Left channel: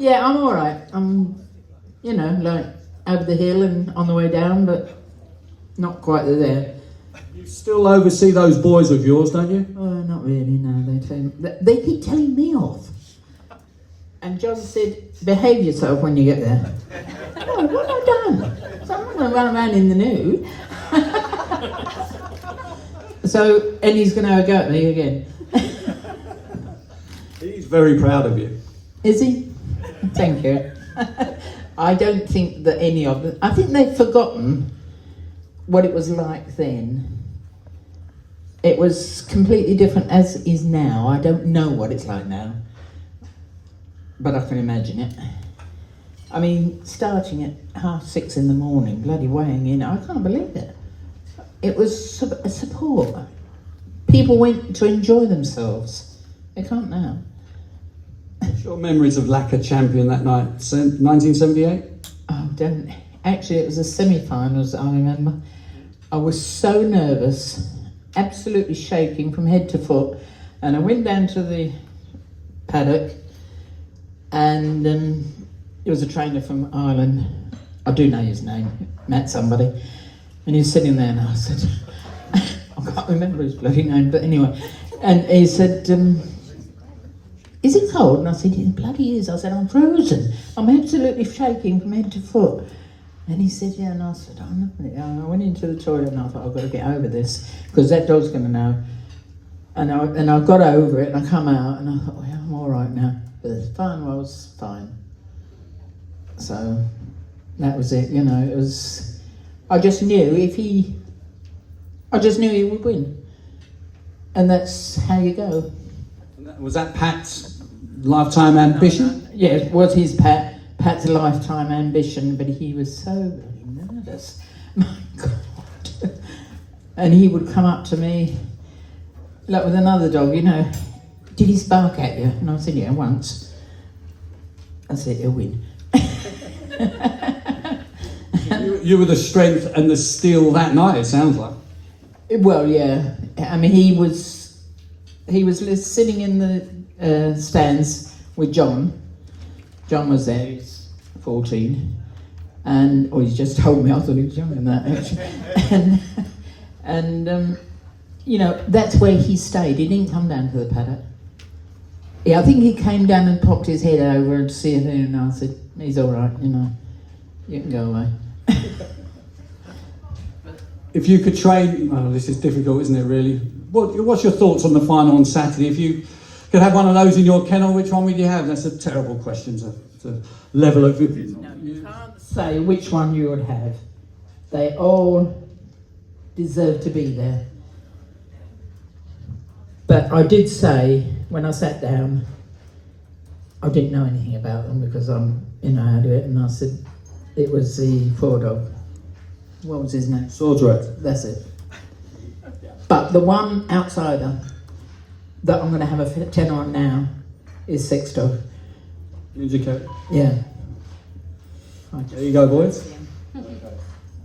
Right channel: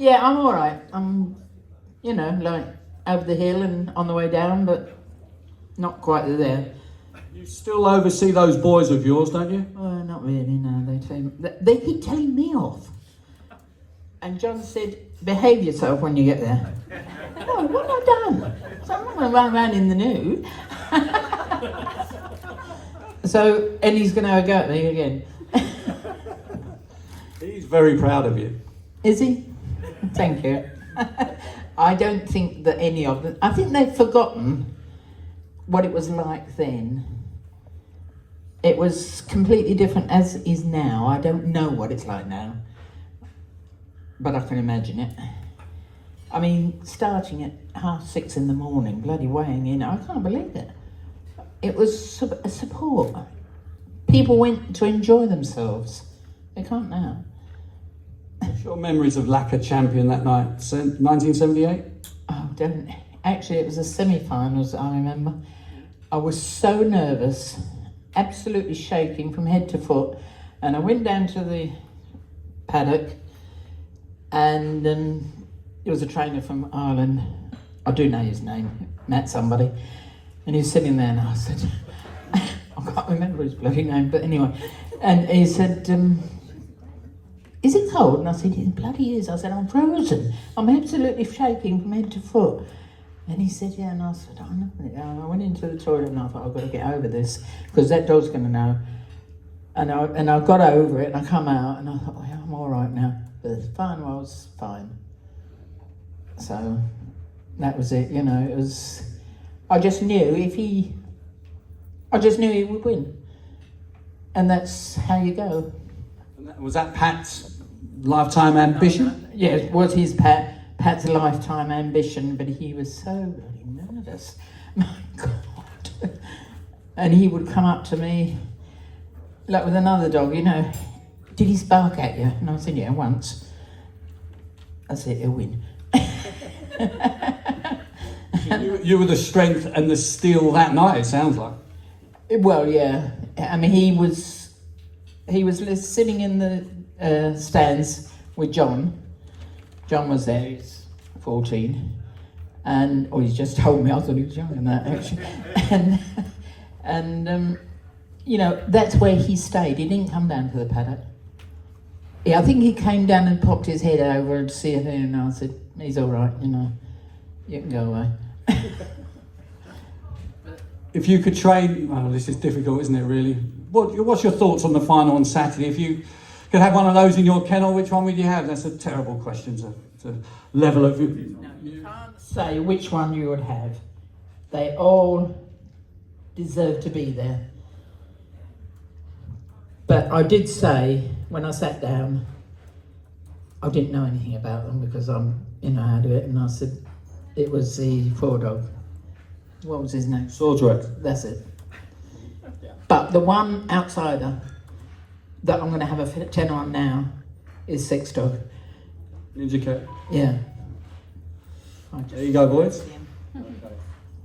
Yeah, I'm all right. I'm, like over the hill and on the way down, but not quite there. You still oversee those boys of yours, don't you? Oh, not really. No, they keep telling me off. And John said, "Behave yourself when you get there." Oh, what have I done? So I'm not going to run around in the nude. So, and he's going to have a go at me again. He's very proud of you. Is he? Thank you. I don't think that any of them... I think they've forgotten what it was like then. It was completely different as it is now. I don't know what it's like now, but I can imagine it. I mean, starting at 6:30 in the morning, bloody weighing in, I can't believe it. It was a support. People went to enjoy themselves. They can't now. What's your memories of Lacquer champion that night, 1978? Oh, don't. Actually, it was the semi-finals, I remember. I was so nervous, absolutely shaking from head to foot, and I went down to the paddock, and it was a trainer from Ireland. I do know his name, Matt somebody, and he was sitting there, and I said, I can't remember his bloody name, but anyway, and he said, "Is it cold?" And I said, "It bloody is." I said, "I'm frozen. I'm absolutely shaking from head to foot." And he said, "Yeah," and I said, "Oh, no." And I went into the toilet and I thought, I've got to get over this, because that dog's going to know. And I got over it and I come out and I thought, well, I'm all right now. But the final was fine. So that was it, it was, I just knew he would win. And that's how you go. Was that Pat's lifetime ambition? Yeah, it was his Pat's lifetime ambition, but he was so really nervous. My God. And he would come up to me, like with another dog, "Did he spark at you?" And I said, "Yeah, once." I said, "He'll win." You were the strength and the steel that night, it sounds like. Well, yeah. I mean, he was sitting in the stands with John. John was there, he's 14. He's just told me, I thought he was younger than that, actually. and that's where he stayed. He didn't come down to the paddock. Yeah, I think he came down and popped his head over to see it, and I said, "He's all right, you can go away." If you could train, this is difficult, isn't it, really? What's your thoughts on the final on Saturday? If you could have one of those in your kennel, which one would you have? That's a terrible question to level of... No, you can't say which one you would have. They all deserve to be there. But I did say, when I sat down, I didn't know anything about them because I'm, how to do it, and I said, it was the 4 dog. What was his name? Swordsworth. That's it. But the one outsider that I'm going to have a 10 on now is 6 dog. Ninja Cat. Yeah. There you go, boys. Okay.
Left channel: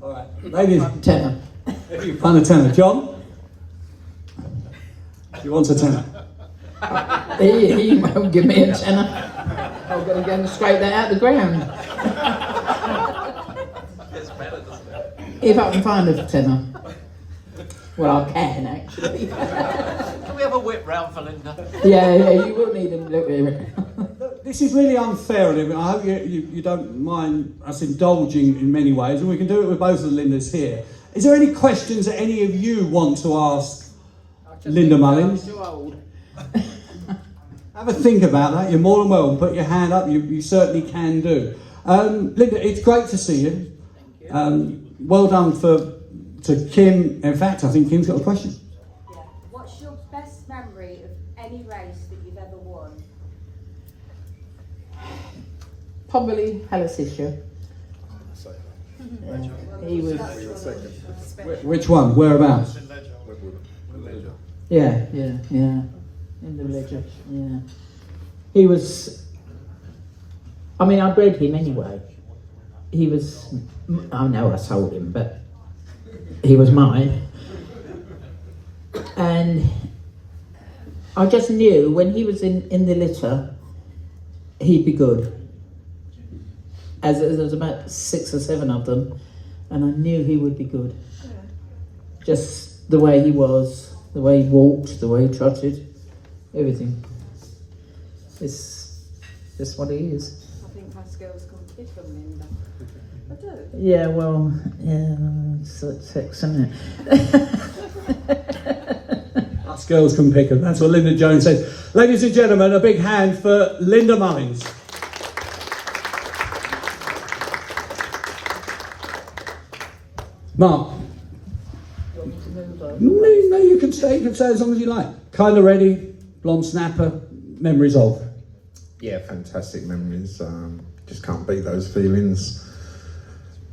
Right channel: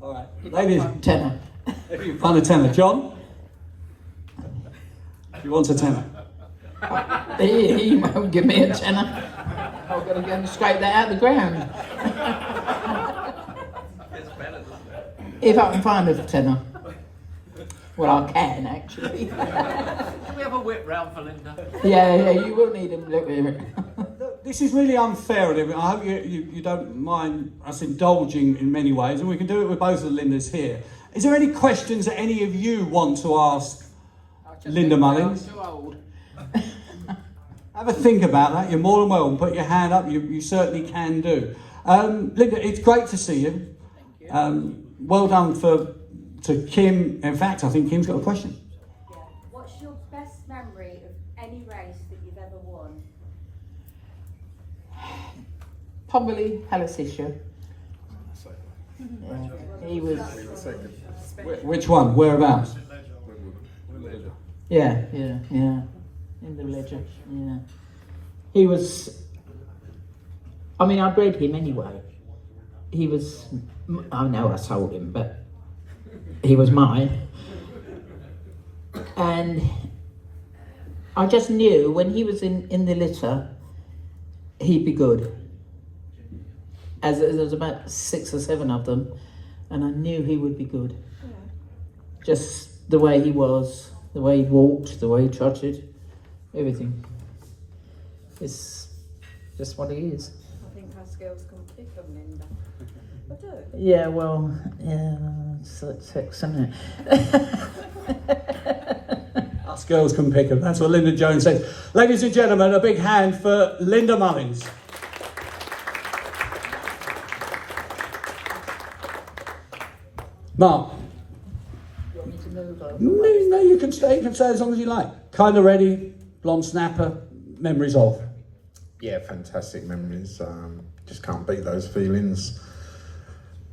All right. Ladies. Tenner. If you find a tenner. John? She wants a tenner. He won't give me a tenner. I've got to go and scrape that out of the ground. If I can find a tenner. Well, I can, actually. Can we have a whip round for Linda? Yeah, you will need a look here. This is really unfair, Olivia. I hope you don't mind us indulging in many ways, and we can do it with both of the Lindas here. Is there any questions that any of you want to ask Linda Mullins? I'm too old. Have a think about that. You're more than welcome. Put your hand up. You certainly can do. Linda, it's great to see you. Thank you. Well done to Kim. In fact, I think Kim's got a question. Yeah. What's your best memory of any race that you've ever won? Probably Hallisisha. Yeah. He was. Which one? Whereabouts? Yeah. In the ledger. Yeah. He was. I mean, I bred him anyway. He was. I know I sold him, but he was mine. And I just knew when he was in the litter, he'd be good. as there was about 6 or 7 of them, and I knew he would be good. Yeah. Just the way he was, the way he walked, the way he trotted, everything. It's just what he is. I think my skills come different, Linda. I do. Yeah, well, yeah, it's sex, isn't it? Us girls can pick them. That's what Linda Jones said. Ladies and gentlemen, a big hand for Linda Mullins. Mark. Want me to move on? No, you can stay. You can stay as long as you like. Kind of ready, blonde snapper, memories of. Yeah, fantastic memories. Just can't beat those feelings.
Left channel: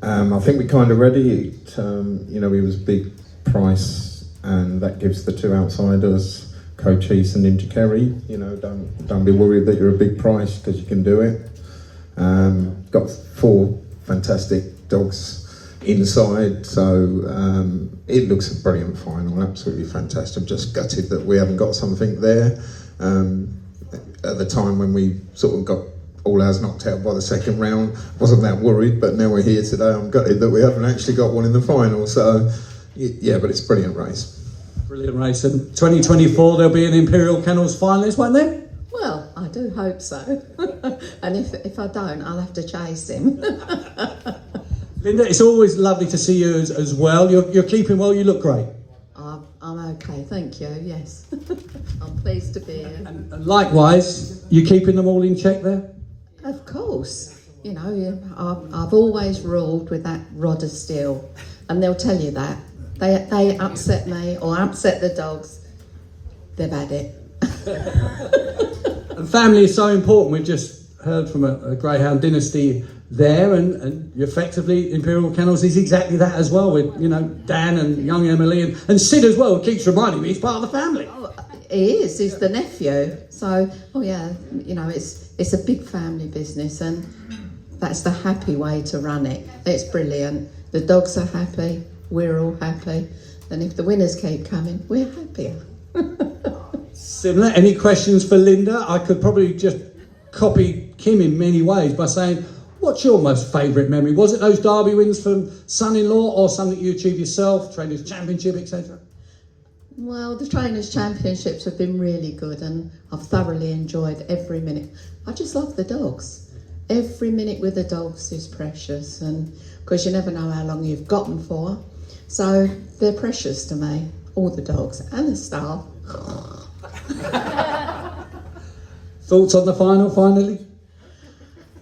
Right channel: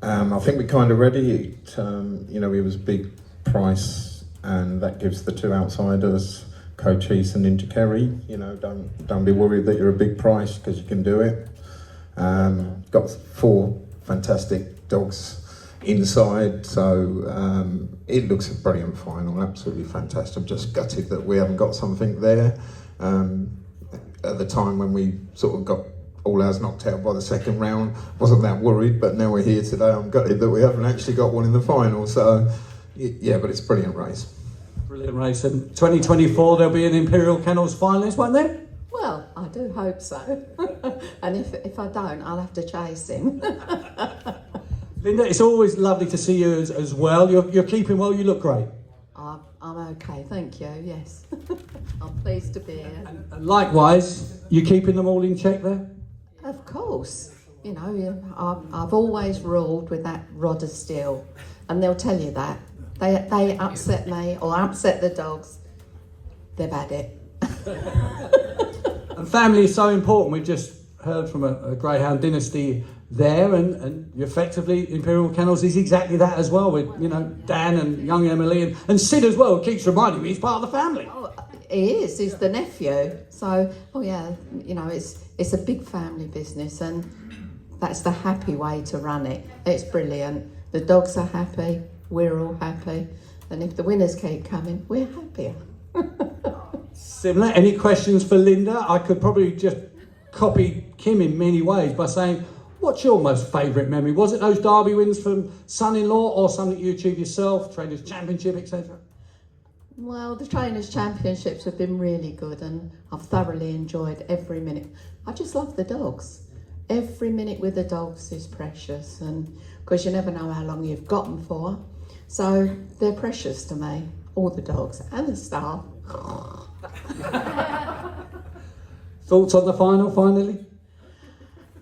I think we kind of ready. He was big price, and that gives the 2 outsiders, Cochise and Ninja Kerry. Don't be worried that you're a big price, because you can do it. Got 4 fantastic dogs inside, so it looks a brilliant final, absolutely fantastic. I'm just gutted that we haven't got something there. At the time when we sort of got all ours knocked out by the second round, wasn't that worried, but now we're here today, I'm gutted that we haven't actually got one in the final. So yeah, but it's a brilliant race. Brilliant race. And 2024 there'll be an Imperial Kennels finalist, won't there? Well, I do hope so. And if I don't, I'll have to chase him. Linda, it's always lovely to see you as well. You're keeping well, you look great. I'm okay, thank you, yes. I'm pleased to be here. And likewise, you keeping them all in check there? Of course. I've always ruled with that rod of steel, and they'll tell you that. They upset me or upset the dogs, they've had it. And family is so important. We've just heard from a Greyhound dynasty there, and effectively Imperial Kennels is exactly that as well, with Dan and young Emily and Sid as well, who keeps reminding me he's part of the family. Oh, he is, he's the nephew. So, it's a big family business, and that's the happy way to run it. It's brilliant. The dogs are happy, we're all happy, and if the winners keep coming, we're happier. Similar. Any questions for Linda? I could probably just copy Kim in many ways by saying, what's your most favourite memory? Was it those Derby wins from son-in-law, or something you achieved yourself, Trainers' Championship, etc.? Well, the Trainers' Championships have been really good, and I've thoroughly enjoyed every minute. I just love the dogs. Every minute with the dogs is precious, and because you never know how long you've got them for. So they're precious to me, all the dogs and the staff. Thoughts on the final, finally?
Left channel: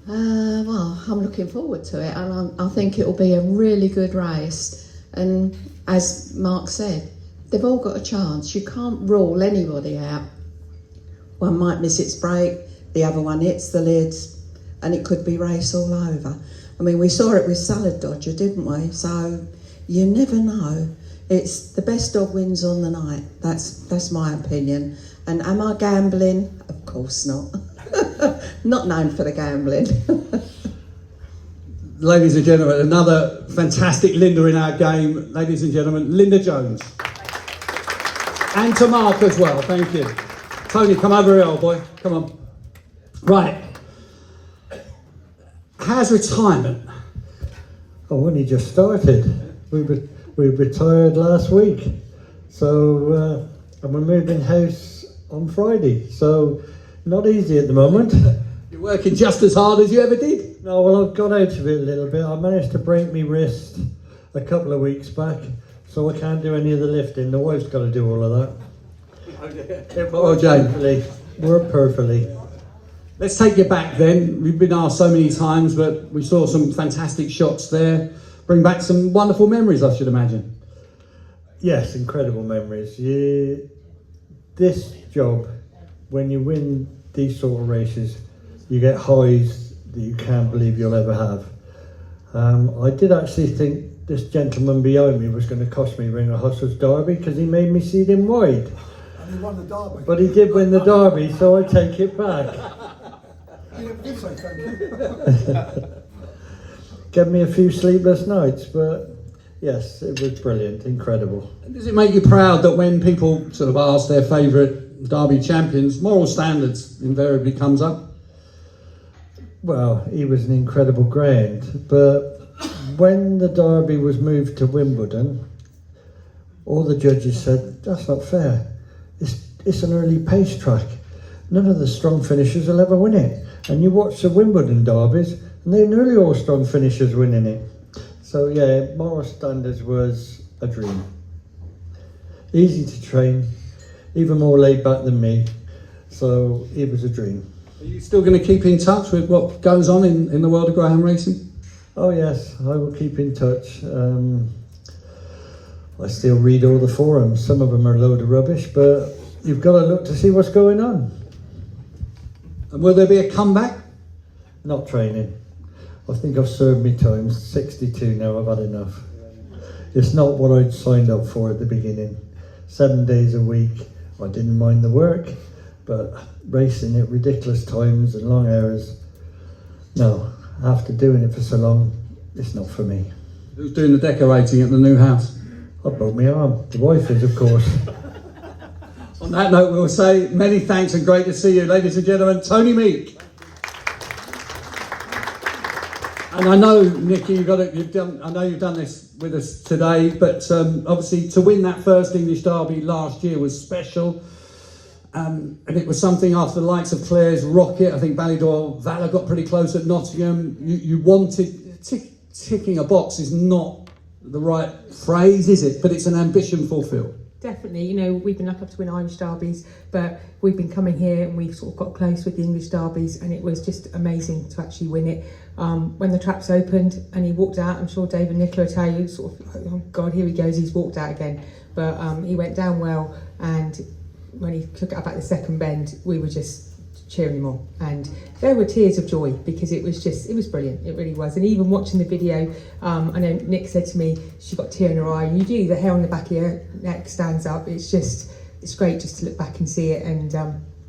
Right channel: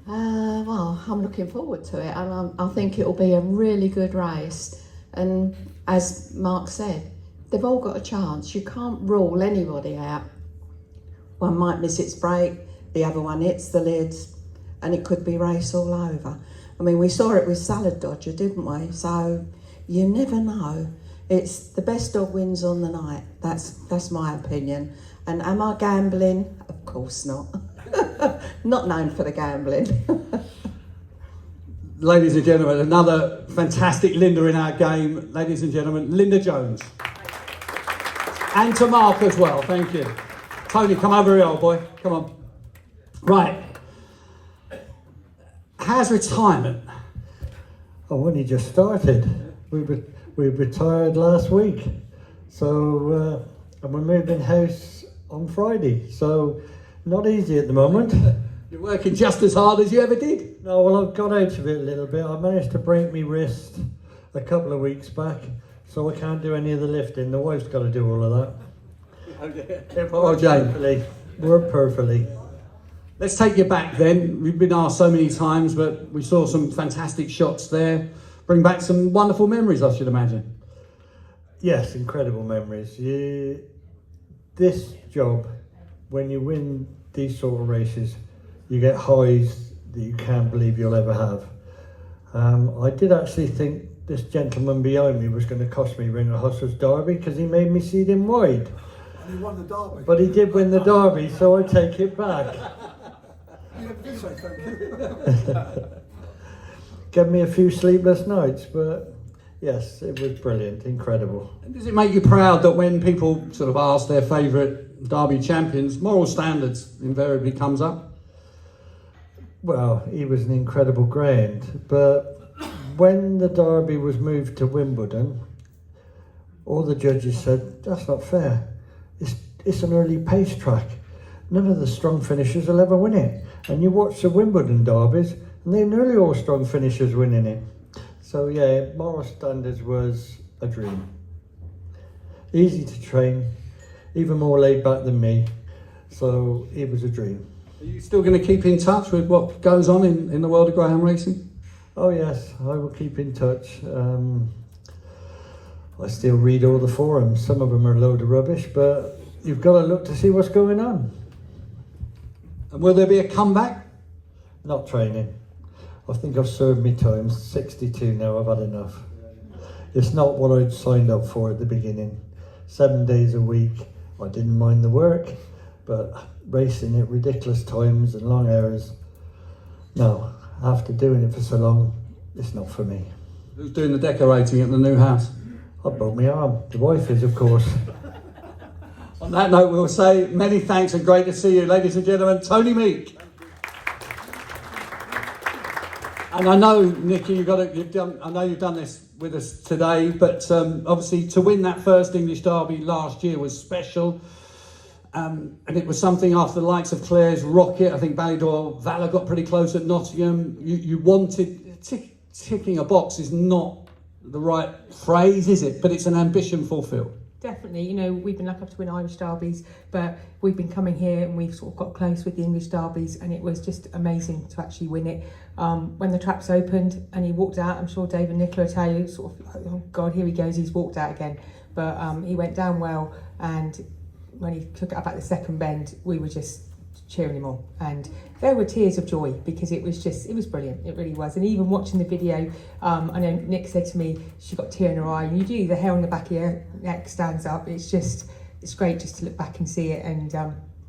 Well, I'm looking forward to it, and I think it'll be a really good race. And as Mark said, they've all got a chance. You can't rule anybody out. One might miss its break, the other one hits the lids, and it could be race all over. I mean, we saw it with Salad Dodger, didn't we? So you never know. It's the best dog wins on the night. That's my opinion. And am I gambling? Of course not. Not known for the gambling. Ladies and gentlemen, another fantastic Linda in our game. Ladies and gentlemen, Linda Jones. And to Mark as well, thank you. Tony, come over here, old boy. Come on. Right. How's retirement? I've only just started. We retired last week. So, and we moved in house on Friday. So, not easy at the moment. You're working just as hard as you ever did. No, well, I've got out of it a little bit. I managed to break my wrist a couple of weeks back, so I can't do any of the lifting. The wife's got to do all of that. It worked perfectly. Worked perfectly. Let's take you back then. We've been asked so many times, but we saw some fantastic shots there. Bring back some wonderful memories, I should imagine. Yes, incredible memories. This job, when you win these sort of races, you get highs that you can't believe you'll ever have. I did actually think this gentleman behind me was going to cost me winning a Hustlers Derby, because he made me see him wide. And he won the Derby. But he did win the Derby, so I take it back. You never did say thank you. Gave me a few sleepless nights, but yes, it was brilliant, incredible. And does it make you proud that when people sort of ask their favourite Derby champions, moral standards invariably comes up? Well, he was an incredible greyhound, but when the Derby was moved to Wimbledon, all the judges said, that's not fair. It's an early pace track. None of the strong finishers will ever win it. And you watch the Wimbledon derbies, and they're nearly all strong finishers winning it. So yeah, Morris Standards was a dream. Easy to train, even more laid back than me. So it was a dream. Are you still going to keep in touch with what goes on in the world of greyhound racing? Oh yes, I will keep in touch. I still read all the forums. Some of them are a load of rubbish, but you've got to look to see what's going on. And will there be a comeback? Not training. I think I've served me time. 62 now, I've had enough. It's not what I'd signed up for at the beginning. 7 days a week. I didn't mind the work, but racing at ridiculous times and long hours, no. After doing it for so long, it's not for me. Who's doing the decorating at the new house? I broke my arm. The wife is, of course. On that note, we'll say many thanks and great to see you, ladies and gentlemen. Tony Meek. And I know, Nicky, you've done this with us today, but obviously to win that first English Derby last year was special. And it was something after the likes of Clare's Rocket, I think Ballydor Valor got pretty close at Nottingham. You wanted, ticking a box is not the right phrase, is it? But it's an ambition fulfilled. Definitely, you know, we've been lucky to win Irish derbies, but we've been coming here and we've sort of got close with the English derbies, and it was just amazing to actually win it. When the traps opened and he walked out, I'm sure Dave and Nicola will tell you, sort of, oh God, here he goes, he's walked out again. But he went down well, and when he took it up at the second bend, we were just cheering him on, and there were tears of joy because it was brilliant, it really was. And even watching the video, I know Nick said to me she got a tear in her eye, and you do, the hair on the back of your neck stands up. It's great just to look back and see it, and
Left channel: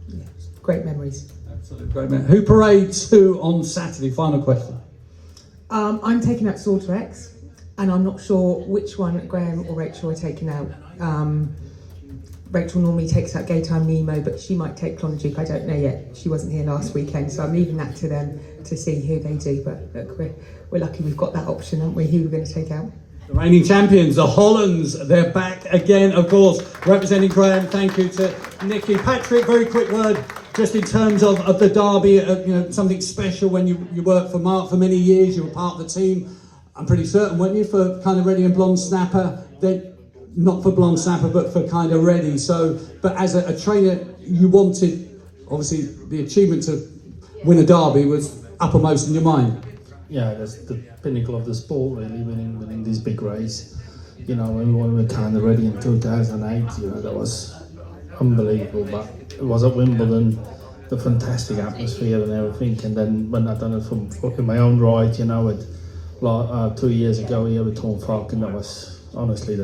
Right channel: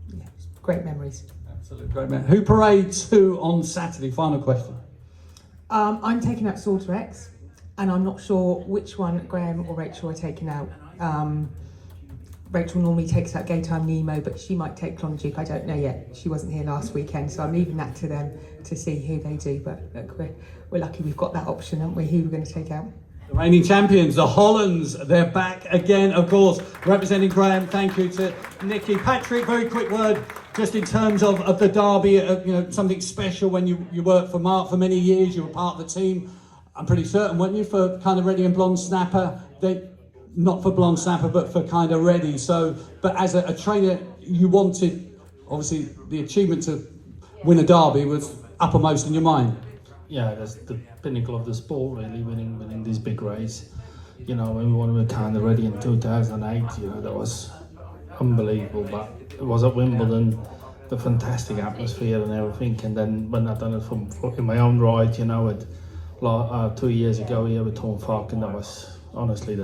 yeah, great memories. Absolutely great memories. Who parades who on Saturday? Final question. I'm taking out Slaughter X, and I'm not sure which one Graham or Rachel are taking out. Rachel normally takes out Gaytime Nemo, but she might take Clonduke, I don't know yet. She wasn't here last weekend, so I'm leaving that to them to see who they do. But look, we're lucky we've got that option, aren't we, who we're going to take out. The reigning champions, the Hollands, they're back again, of course, representing Graham. Thank you to Nicky. Patrick, very quick word, just in terms of the derby, you know, something special when you worked for Mark for many years, you were part of the team, I'm pretty certain, weren't you, for Kind of Ready and Blonde Snapper? Not for Blonde Snapper, but for Kind of Ready. So, but as a trainer, you wanted, obviously, the achievement to win a derby was uppermost in your mind. Yeah, that's the pinnacle of the sport, really, winning this big race. You know, when we won with Kind of Ready in 2008, you know, that was unbelievable. But it was at Wimbledon, the fantastic atmosphere and everything. And then when I've done it from fucking my own right, you know, 2 years ago here with Tom Falk, and that was honestly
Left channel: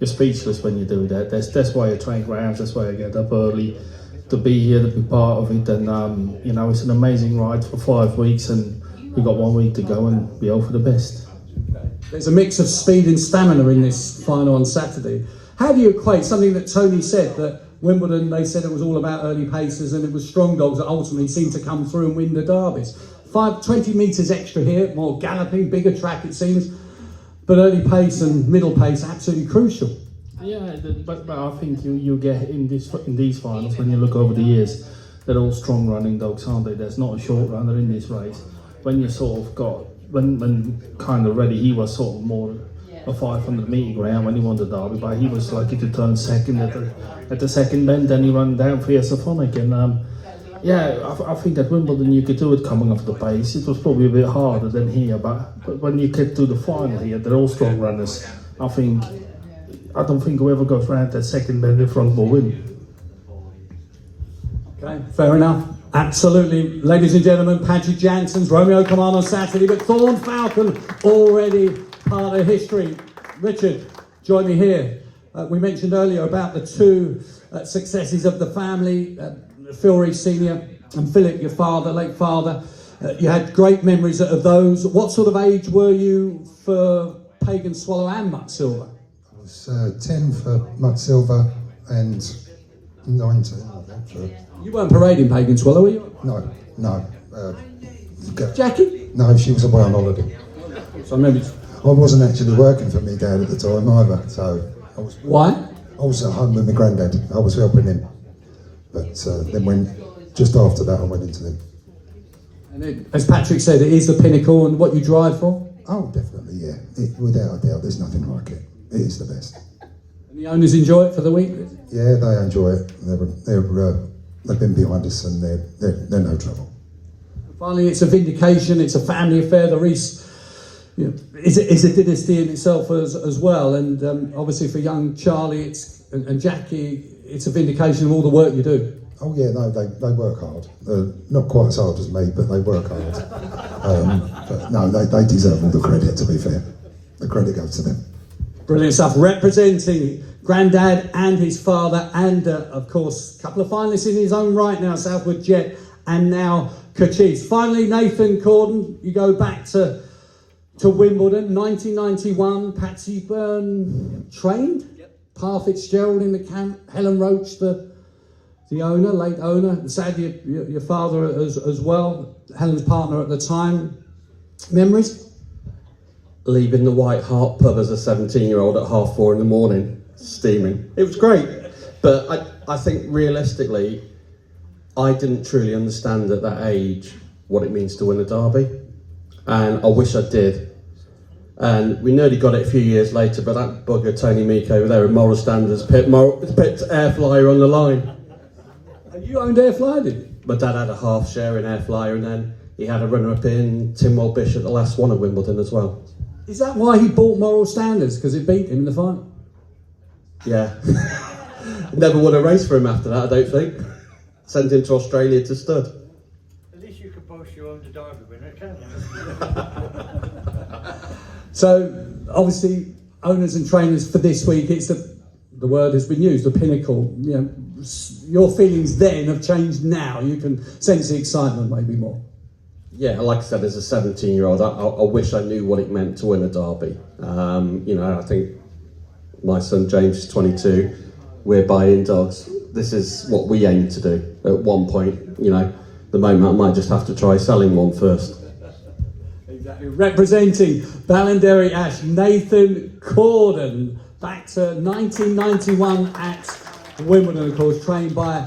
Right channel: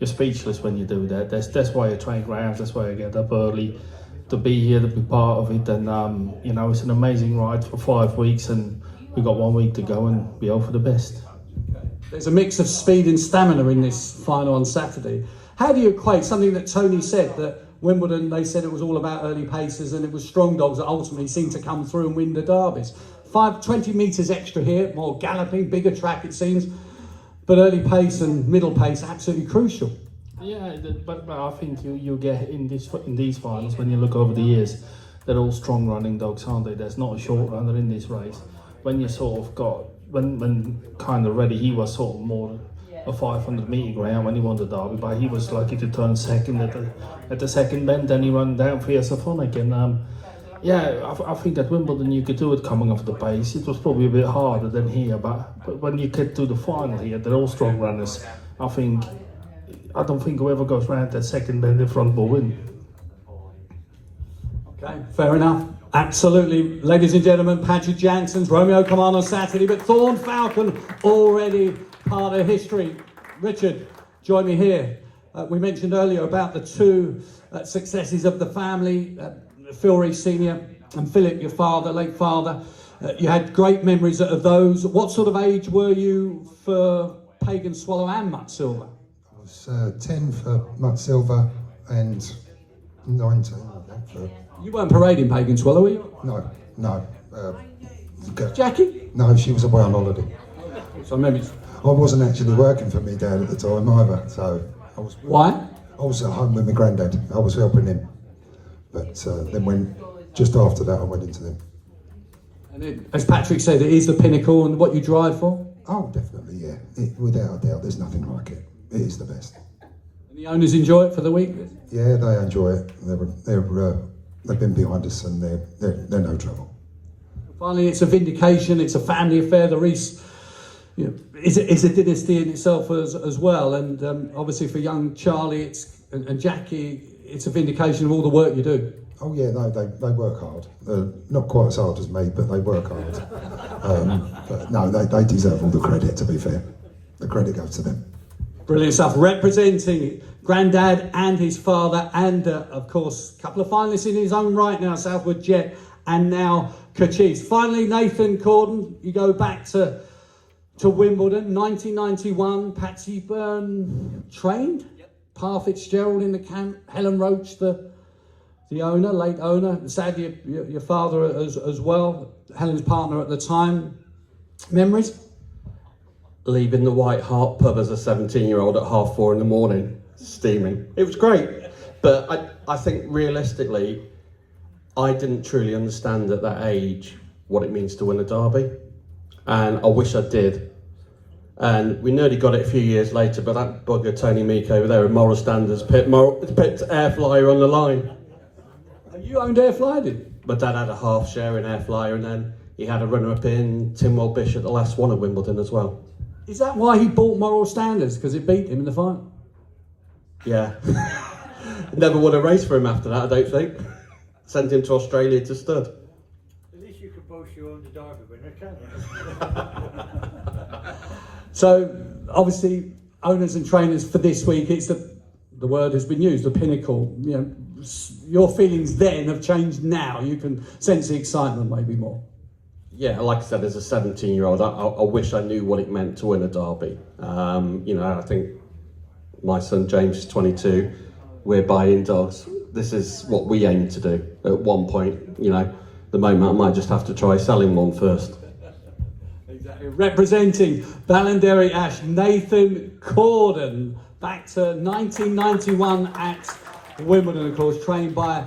you're speechless when you do that. That's why I train greyhounds, that's why I get up early to be here, to be part of it. And you know, it's an amazing ride for 5 weeks, and we've got 1 week to go, and we hope for the best. Okay. There's a mix of speed and stamina in this final on Saturday. How do you equate something that Tony said, that Wimbledon, they said it was all about early paces and it was strong dogs that ultimately seemed to come through and win the derbies? 20 metres extra here, more galloping, bigger track it seems. But early pace and middle pace absolutely crucial. Yeah, but I think you get in these finals, when you look over the years, they're all strong running dogs, aren't they? There's not a short runner in this race. When you sort of got when Kind of Ready, he was sort of more a 500 metre greyhound when he won the derby, but he was lucky to turn second at the second bend. Then he ran down Fierce Phonic, and yeah, I think at Wimbledon you could do it coming off the pace. It was probably a bit harder than here, but when you get to the final here, they're all strong runners. I don't think whoever goes round that second bend in front will win. Okay, fair enough. Absolutely. Ladies and gentlemen, Patrick Jansen's Romeo Command on Saturday, but Thorn Falcon already part of history. Richard, join me here. We mentioned earlier about the two successes of the family, Phil Rees Sr. and Philip, your father, late father. You had great memories of those. What sort of age were you for Pagan Swallow and Mutt Silver? I was 10 for Mutt Silver and 19, I think. You weren't parading Pagan Swallow, were you? No. Jackie? No, she was away on holiday. So maybe. I wasn't actually working for me dad at the time either, so I was. Why? I was at home with my granddad. I was helping him, but then just after that I went into them. And as Patrick said, it is the pinnacle and what you drive for. Oh, definitely, yeah. Without a doubt, there's nothing like it. It is the best. And the owners enjoy it for the week. Yeah, they enjoy it. They've been behind us, and they're no trouble. Finally, it's a vindication. It's a family affair. The Reese is a dynasty in itself as well. And obviously for young Charlie and Jackie, it's a vindication of all the work you do. Oh yeah, no, they work hard. Not quite as hard as me, but they work hard. But no, they deserve all the credit, to be fair. The credit goes to them. Brilliant stuff. Representing Grandad and his father, and of course, a couple of finalists in his own right now, Southwood Jet and now Kachis. Finally, Nathan Corden, you go back to Wimbledon, 1991, Patsy Byrne trained, Pa Fitzgerald in the camp, Helen Roach, the owner, late owner, sadly your father as well, Helen's partner at the time. Memories? Leaving the White Hart pub as a 17-year-old at 4:30 in the morning, steaming. It was great, but I think realistically, I didn't truly understand at that age what it means to win a derby, and I wish I did. And we nearly got it a few years later, but that bugger Tony Meek over there with moral standards picked air flyer on the line. You owned Air Flyer, did you? My dad had a half share in Air Flyer, and then he had a runner-up in Timwell Bishop, the last one at Wimbledon as well. Is that why he bought Moral Standards? Because it beat him in the final? Yeah. Never won a race for him after that, I don't think. Sent him to Australia to stud. At least you could boast your own derby winner, can't you? So, obviously, owners and trainers for this week, it's the word has been used, the pinnacle. You know, your feelings then have changed now. You can sense the excitement maybe more. Yeah, like I said, as a 17-year-old, I wish I knew what it meant to win a derby. I think my son James is 22. We're buying dogs. This is what we aim to do at one point. The moment I might just have to try selling one first. Exactly. Representing Ballinderry Ash, Nathan Corden, back to 1991 at Wimbledon, of course, trained by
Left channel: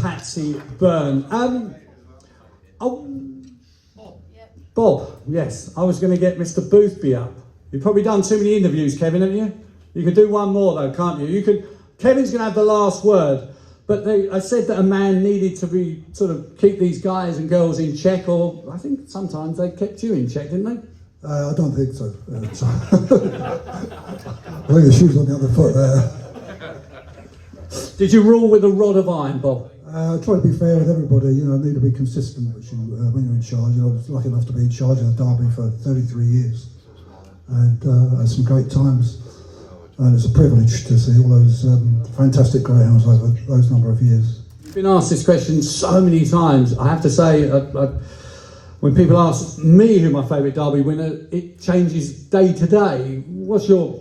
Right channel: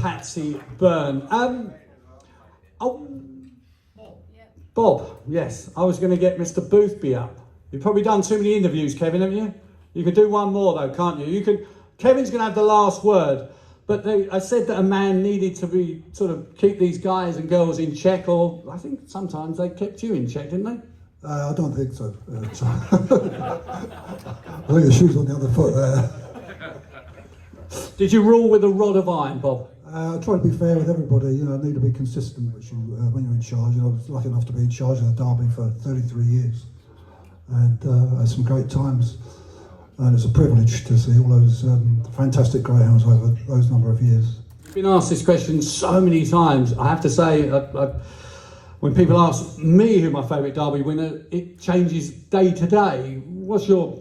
Patsy Byrne. Bob, yes, I was going to get Mr. Boothby up. You've probably done too many interviews, Kevin, haven't you? You could do one more though, can't you? Kevin's going to have the last word, but I said that a man needed to be keep these guys and girls in check, or I think sometimes they kept you in check, didn't they? I don't think so. I think the shoe's on the other foot there. Did you rule with a rod of iron, Bob? Try to be fair with everybody, need to be consistent when you're in charge. I was lucky enough to be in charge of the Derby for 33 years and had some great times. And it's a privilege to see all those fantastic greyhounds over those number of years. You've been asked this question so many times. I have to say, when people ask me who my favourite Derby winner, it changes day to day. What's your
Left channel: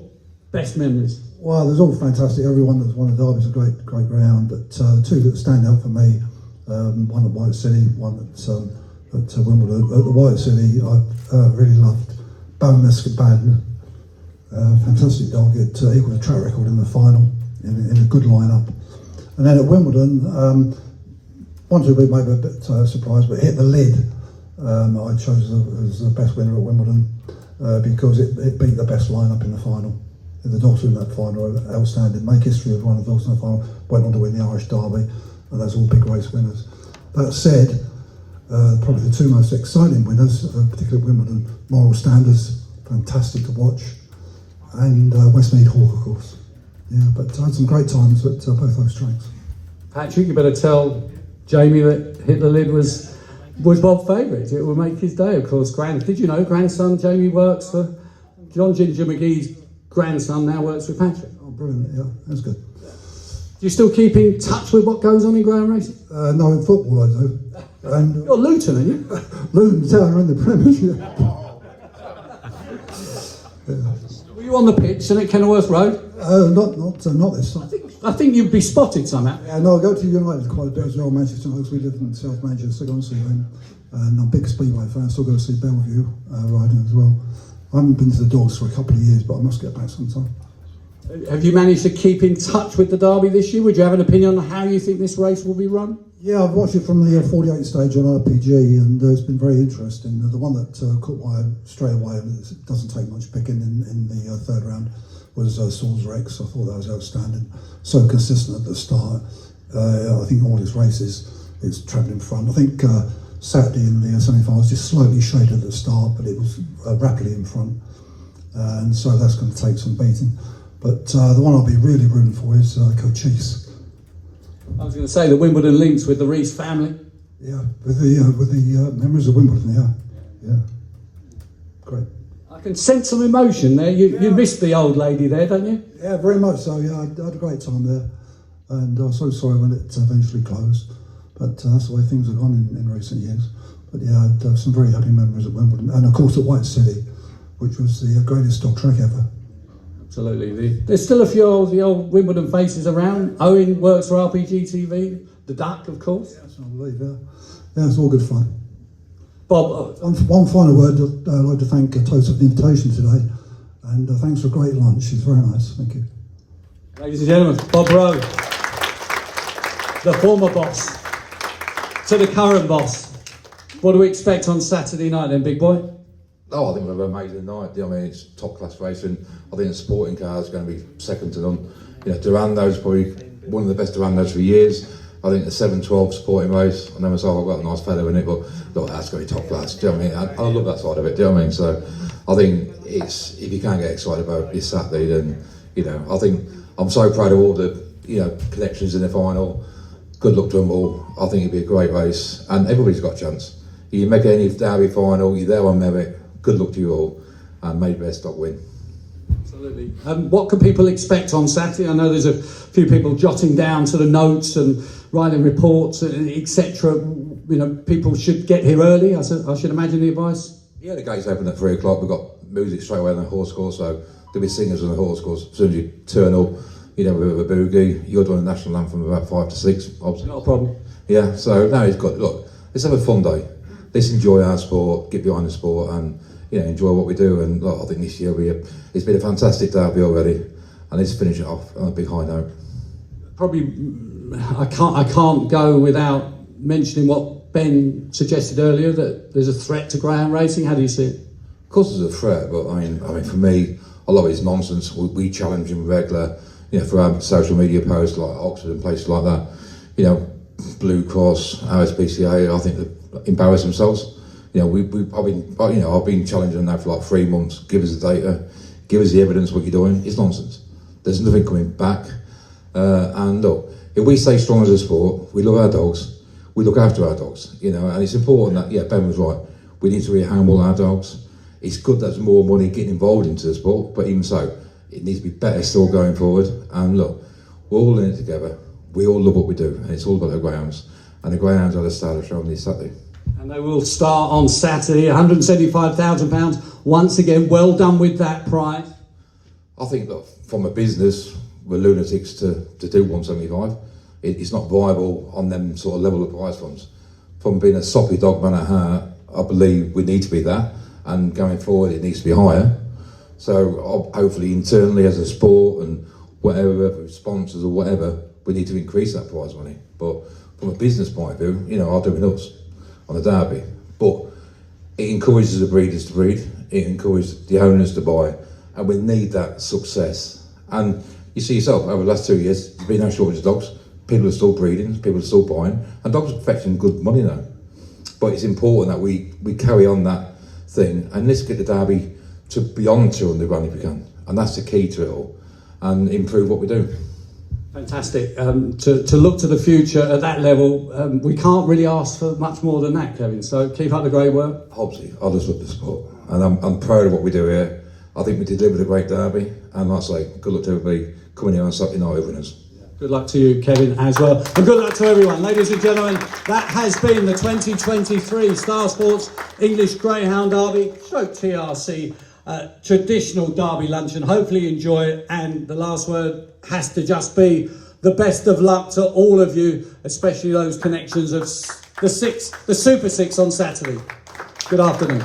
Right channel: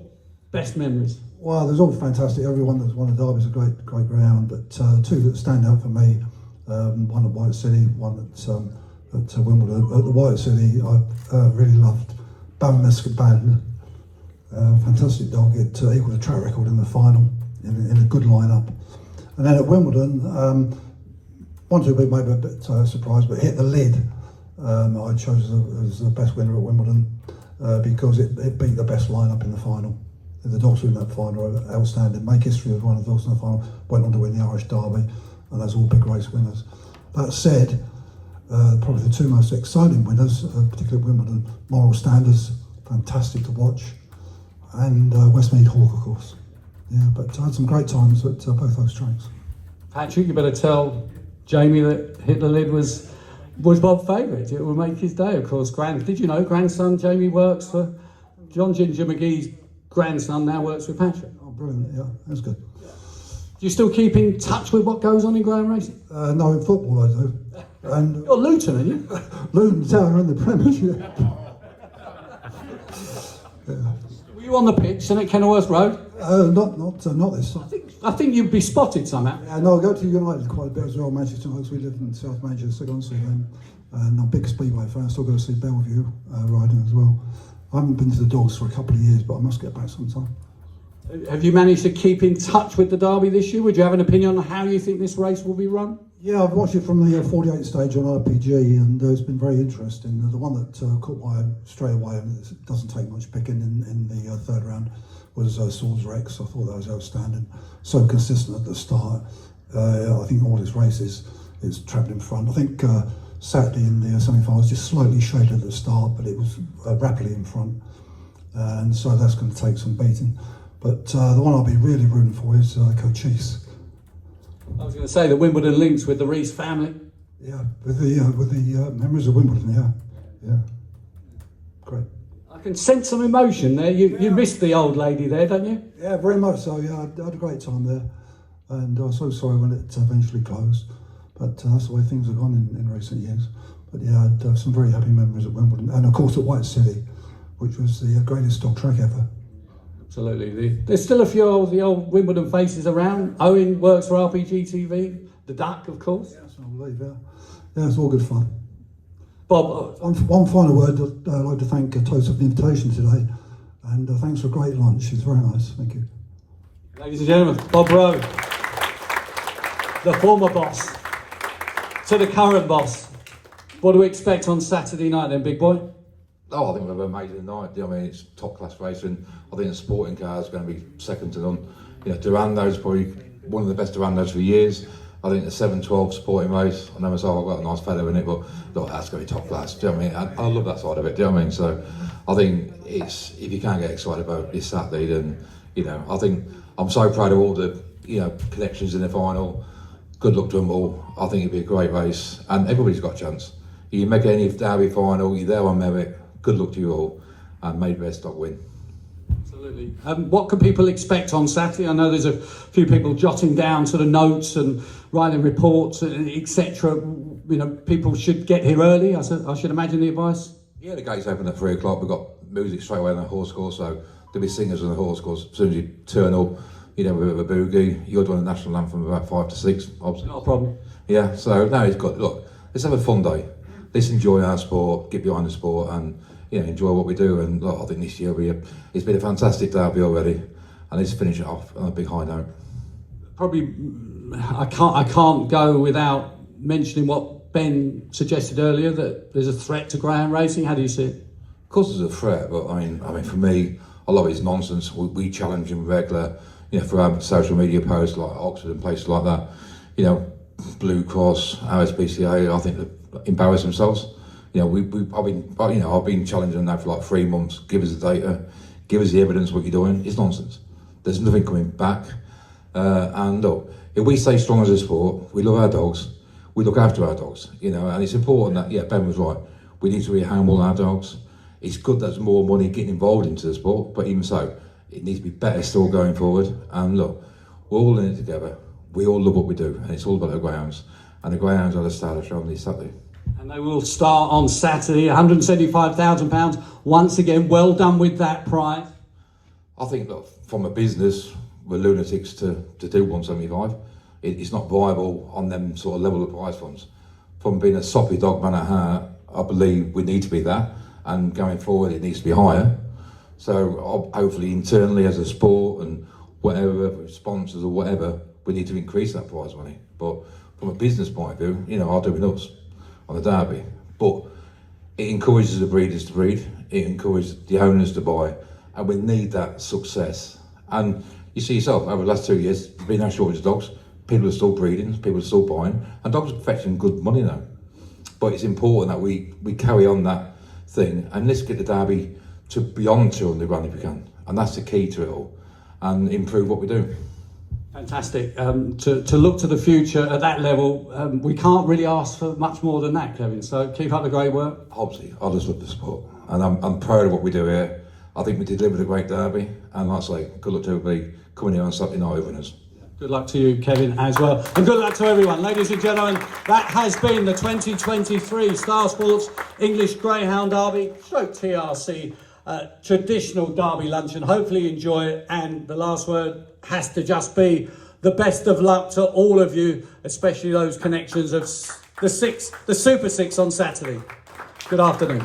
best memories? Well, there's all fantastic. Everyone that's won a Derby is a great greyhound, but two that stand out for me, one at White City, one at Wimbledon. At the White City, I really loved Bone Band. Fantastic dog. It equalled a track record in the final in a good lineup. And then at Wimbledon, one two people may be a bit surprised, but Hit the Lid. I chose as the best winner at Wimbledon because it beat the best lineup in the final. The dogs in that final are outstanding. Make history with one of the dogs in the final. Went on to win the Irish Derby, and those all big race winners. That said, probably the two most exciting winners, particularly at Wimbledon, Moral Standards, fantastic to watch, and Westmead Hawk, of course. Yeah, but I had some great times at both those tracks. Patrick, you better tell Jamie that Hit the Lid was Bob's favourite. It will make his day, of course. Did you know grandson Jamie works for John Ginger McGee's grandson now works with Patrick? Oh, brilliant! Yeah, that's good. Do you still keep in touch with what goes on in greyhound racing? No, in football I do. And you're Luton, aren't you? Luton Town in the Premiership. Were you on the pitch and at Kenilworth Road? Not this time. I think you'd be spotted somehow. Yeah, no, I go to United quite a bit as well. Manchester United, we live in South Manchester, honestly. And And I'm a big Speedway fan. Still go to see Bellevue riding as well. I haven't been to the Dogs for a couple of years, but I must get back sometime. Have you managed to keep in touch with the Derby this year? Would you have an opinion on how you think this race will be run? Yeah, I've watched it from the 48 stage on RPG, and it's been very interesting. The one that caught my eye straight away, and it doesn't take much picking in the third round, was Swords Rex. I thought that was outstanding. So consistent at the start. I think all his races, it's travelling in front. I think Saturday in the semi-finals just slightly shaded at the start, but it was rapidly in front. And so that's going to take some beating. But the one I'll be really rooting for is Cochise. I was going to say the Wimbledon links with the Rees family. Yeah, with the members of Wimbledon. Yeah, great. I can sense some emotion there. You missed the old lady there, don't you? Yeah, very much so. Yeah, I had a great time there, and I was so sorry when it eventually closed. But that's the way things have gone in recent years. But yeah, I had some very happy memories at Wimbledon, and of course at White City, which was the greatest dog track ever. Absolutely. There's still a few of the old Wimbledon faces around. Owen works for RPG TV. The Duck, of course. Yes, I believe, yeah, it's all good fun. Bob, one final word. I'd like to thank Toast for the invitation today, and thanks for a great lunch. It's very nice. Thank you. ladies and gentlemen, Bob Rowe, the former boss to the current boss. What do we expect on Saturday night then, big boy? Oh, I think we'll have an amazing night. I mean, it's top class racing. I think the sporting car is going to be second to none. You know, Durando's probably one of the best Durandos for years. I think the 7-12 sporting race, I know myself, I've got a nice fellow in it, but look, that's going to be top class. Do you know what I mean? I love that side of it. Do you know what I mean? So I think it's, if you can't get excited about this Saturday, then, you know, I think I'm so proud of all the, you know, connections in the final. Good luck to them all. I think it'll be a great race, and everybody's got a chance. You make any Derby final, you're there on merit. Good luck to you all, and may the best dog win. Absolutely. What can people expect on Saturday? I know there's a few people jotting down sort of notes and writing reports, etc. You know, people should get here early. I should imagine the advice. Yeah, the gates open at 3 o'clock. We've got music straight away on the horse course, so there'll be singers on the horse course. As soon as you turn up, you know, with a boogie, you're doing the national anthem about 5 to 6. Obviously. Not a problem. Yeah, so no, it's got, look, let's have a fun day. Let's enjoy our sport, get behind the sport, and, you know, enjoy what we do. And look, I think this year it's been a fantastic derby already, and let's finish it off on a big high note. Probably, I can't go without mentioning what Ben suggested earlier, that there's a threat to greyhound racing. How do you see it? Of course, there's a threat, but I mean, for me, a lot of it's nonsense. We challenge them regular, you know, through our social media posts like Oxford and places like that. You know, Blue Cross, RSPCA, I think they embarrass themselves. You know, I've been challenging them now for like 3 months. Give us the data, give us the evidence what you're doing. It's nonsense. There's nothing coming back. And look, if we stay strong as a sport, we love our dogs, we look after our dogs, you know, and it's important that, yeah, Ben was right, we need to re-handle our dogs. It's good that there's more money getting involved into the sport, but even so, it needs to be better still going forward. And look, we're all in it together. We all love what we do, and it's all about the greyhounds. And the greyhounds are the star of the show on this Saturday. And they will start on Saturday, £175,000. Once again, well done with that prize. I think, look, from a business, we're lunatics to do 175. It's not viable on them sort of level of prize funds. From being a soppy dog man at heart, I believe we need to be that, and going forward it needs to be higher. So hopefully internally as a sport and whatever, sponsors or whatever, we need to increase that prize money. But from a business point of view, you know, I'll do nuts on the derby. But it encourages the breeders to breed, it encourages the owners to buy, and we need that success. And you see yourself, over the last 2 years, there's been no shortage of dogs. People are still breeding, people are still buying, and dogs are fetching good money now. But it's important that we carry on that thing, and let's get the derby to beyond 200 run if we can. And that's the key to it all, and improve what we do. Fantastic. To look to the future at that level, we can't really ask for much more than that, Kevin. So keep up the great work. Obviously, I just love the sport, and I'm proud of what we do here. I think we delivered a great derby, and like I say, good luck to everybody coming here on Saturday night with us. Good luck to you, Kevin, as well. And good luck to everyone. Ladies and gentlemen, that has been the 2023 Star Sports English Greyhound Derby, stroke TRC, traditional Derby lunch, and hopefully you enjoy it. And the last word has to just be the best of luck to all of you, especially those connections of the Super Six on Saturday. Good afternoon.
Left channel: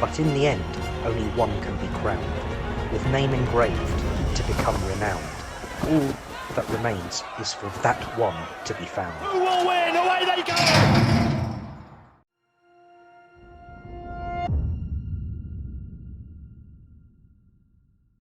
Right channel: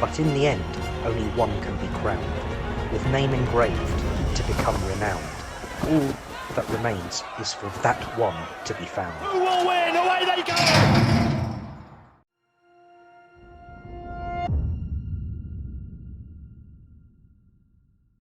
But in the end, only one can be crowned, with name engraved to become renowned. All that remains is for that one to be found. Who will win? Away they go!